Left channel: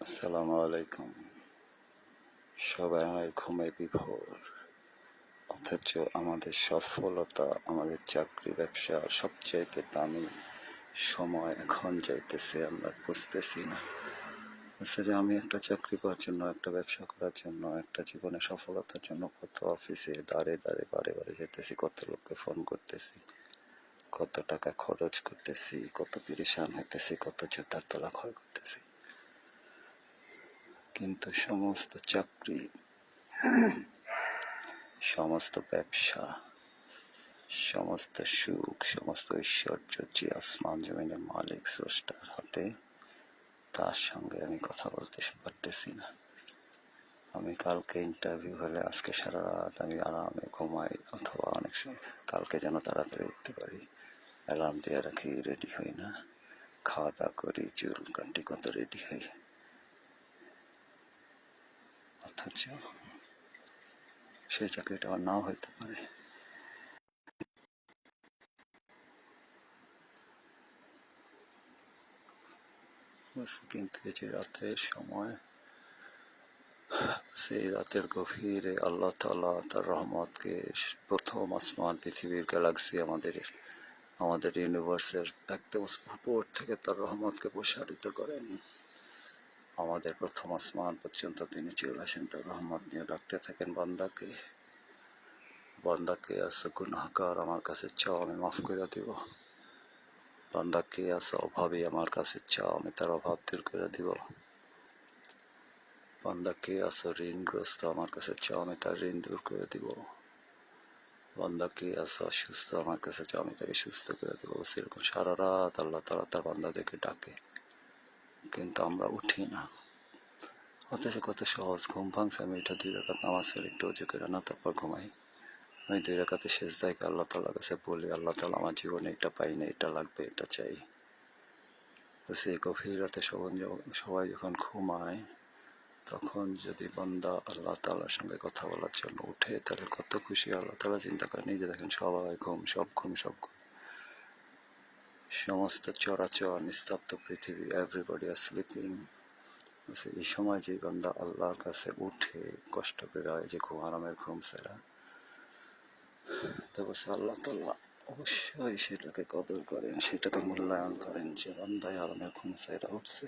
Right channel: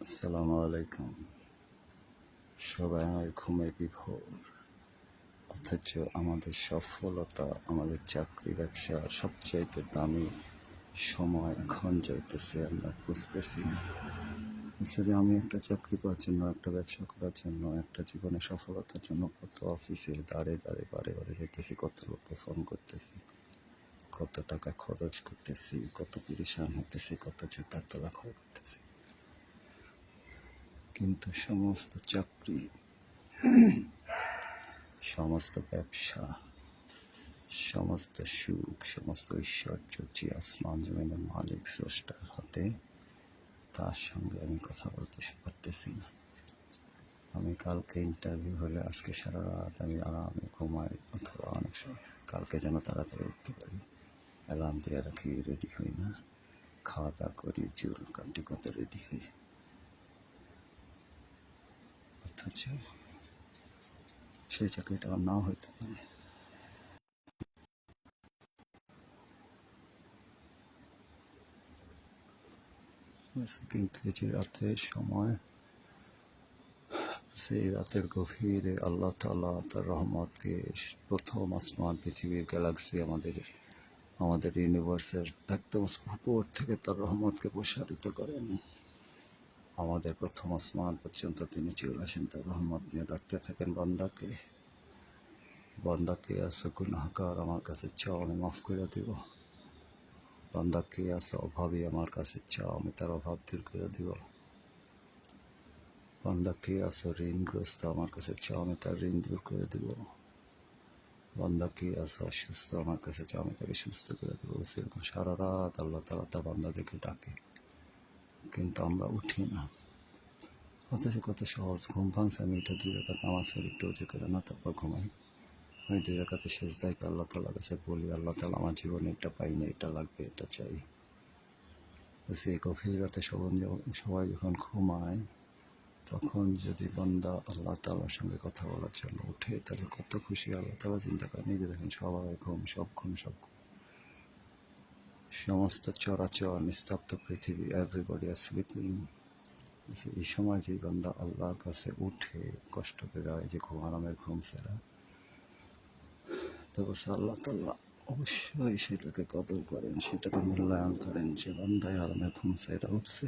আসসালামু আলাইকুম। সবাই ঘুমে বিভোর। অথচ আমাদের সফলতা, আমাদের চাকরি ব্যবসা সবচাইতে দামি সময় এখন যাইতেছে, আমরা বুঝতেছি না। হচ্ছে যে আমি একটা চাকরি পাওয়ার জন্য, একটা ব্যবসা করার জন্য, একটা জীবনে সফলতার জন্য কত অফিসে দাঁড়ে দাঁড়ে, বারে বারে যেতেছি কত লোককে ফোন করতেছি, কত টাকা খরচ করতেছি, কত পিরেশান হইতেছি, কত জুতার তলা ক্ষয় করতেছি। কিন্তু সমস্ত চাকরি, সমস্ত ব্যবসা, সমস্ত সুখ, সমস্ত ঐশ্বর্য যে আসমান জমিনের মালিক স্রষ্টার হাতে, তার সঙ্গে আমি কথা বলতে পারতেছি না। আমি কালকে ইন্টারভিউ হলে আজকে সারা রাত আমি আরামে ঘুমাই, অথবা অনেক সময় কালকে যেন তাড়াতাড়ি উঠতে পারি। অ্যালার্ম দিয়ে রাখি রেডি হই না। খাওয়া দাওয়া করি, চুল কান্টি কত রেডি হই। অথচ সেই চাকরিটা আমার নাও হইতে পারে। কিন্তু যে রাতের সময়, সেই রাতের গভীরে আল্লাহ তালা তার রহমতকে প্রথম আসমান, পৃথিবীর গ্যালাক্সি, আমাদের আমাদের ইউনিভার্সের একদম উপর থেকে তার রহমতকে প্রসারিত করেন। আমাদের প্রথম আসমান পর্যন্ত তিনি চলে আসেন। তার রহমত নিয়ে ডাকতে থাকেন বান্দাকে। বান্দাকে আছে গুনাহকার আমার কাছে চাও, আমি মাফ করে দিব। বান্দাকে আসো, অভাবী আমার কাছে চাও, আমি তার অভাব দূর করে দিব। বান্দাকে আছে ঋণগ্রস্ত আমার কাছে চাও, আমি তার ঋণ দূর করে দিব। বান্দাকে আছে অসুস্থ আমার কাছে চাও, আমি তাকে সুস্থ করে দেবো। সেরকম সারা রাত আল্লাহ তালা তার বান্দাদেরকে ডাকে। কিন্তু আমরা উঠি না। অথচ কত সহজ। ঘুম ভাঙছে, আমি এটা দুই রেখাত নামাজ পড়ে একটু উঁচু করে না তারপর ঘুমাই। আমি দুই রেখাতে শেষ দায়কে আল্লাহ তালার কাছে বলি, আল্লাহ তালা আমার জীবনে এটা পাই না এটা লাগবে, এটা চাই। সেই গভীর রাতে সবাই যখন- সবাই যখন ঘুমায়, তখন যদি বান্দা আল্লাহ তালার সঙ্গে কথা বলার জন্য উঠে, তাহলে কত খুশি আল্লাহ তালা চিন্তা করেন যে দেখেন সবাই ঘুম, সব ঘুম সব ঘুম। সমস্ত চরাচর, নিস্তব্ধ পৃথিবী এভরিবডি আর স্লিপিং এই সময় যে বান্দা আল্লাহর কাছে উঠে কষ্ট করে যে ঘুম আরামের ঘুম সেরা তবে আল্লাহ তাল্লাহ অবশ্যই সেটাকে কদর করেন, সেটাকে মূল্যায়ন করেন। যে বান্দায় আরামের ঘুম সেরা উঠছে,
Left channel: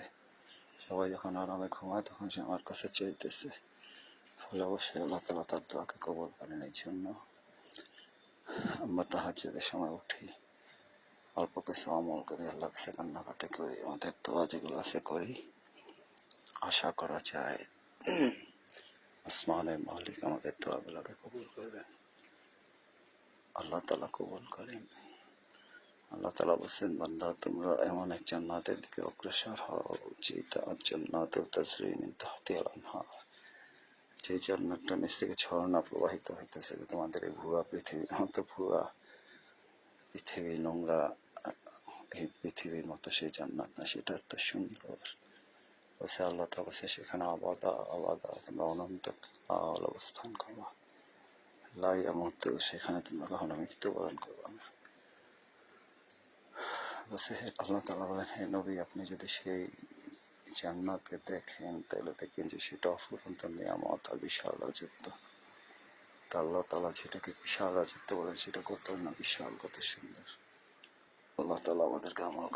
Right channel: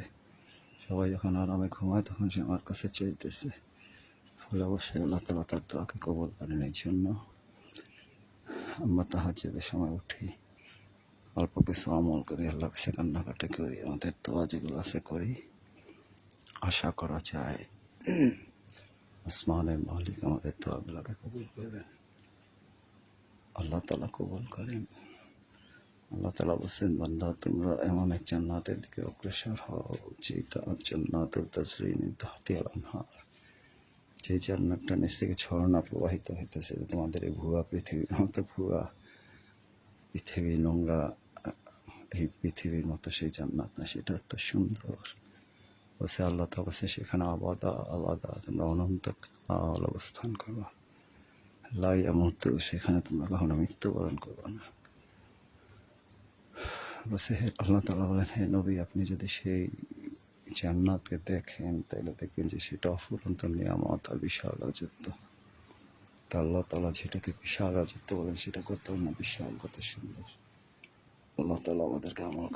সবাই যখন আরামে ঘুমায় তখন সে আমার কাছে চাইতেছে। ফলে অবশ্যই আল্লাহ তালা তার দোয়াকে কবল করেন। এই জন্য আমরা তাহাজ্জুদের সময় উঠি। অল্প কিছু আমল করি, আল্লাহ কাছে কান্নাকাটি করি আমাদের দোয়া যেগুলো আছে করি। আশা করা যায় আসমানের মালিক আমাদের দোয়াগুলোকে কবুল করবেন। আল্লাহ তালা কবুল করেন। আল্লাহ তালা বলছেন, বান্দা, তোমরা এমন এক জান্নাতের দিকে অগ্রসর হও, যেটা জান্নাতুল তাসরিন তাহতি আনহার। যে জান্নাতটা নিচ থেকে ঝর্ণা প্রবাহিত হইতেছে তোমাদের এই ভুয়া পৃথিবীর মতো ভুয়া পৃথিবী নোংরা, এই পৃথিবীর মতো সেই জান্নাত না, সেটা এত সুন্দর। বসে আল্লাহ তা বসে সেখানে আবাদা আবাদা, তোমরা অনন্ত কাল অবস্থান করবা লাইয়া মতো সেখানে তোমরা কখনো মৃত্যুবরণ করব না। বসে আল্লাহ তালা বলেন, হে নবী, আপনি যদি সেই জান্নাতকে দেখেন, তাহলে দেখবেন যে সেটা অফুরন্ত নিয়ামত আর বিশাল রাজত্ব। তো আল্লাহ তালা যেটাকে বিশাল রাজত্ব বলেন সেটা কত না, বিশাল, কত সুন্দর। আল্লাহ তালা আমাদেরকে আমল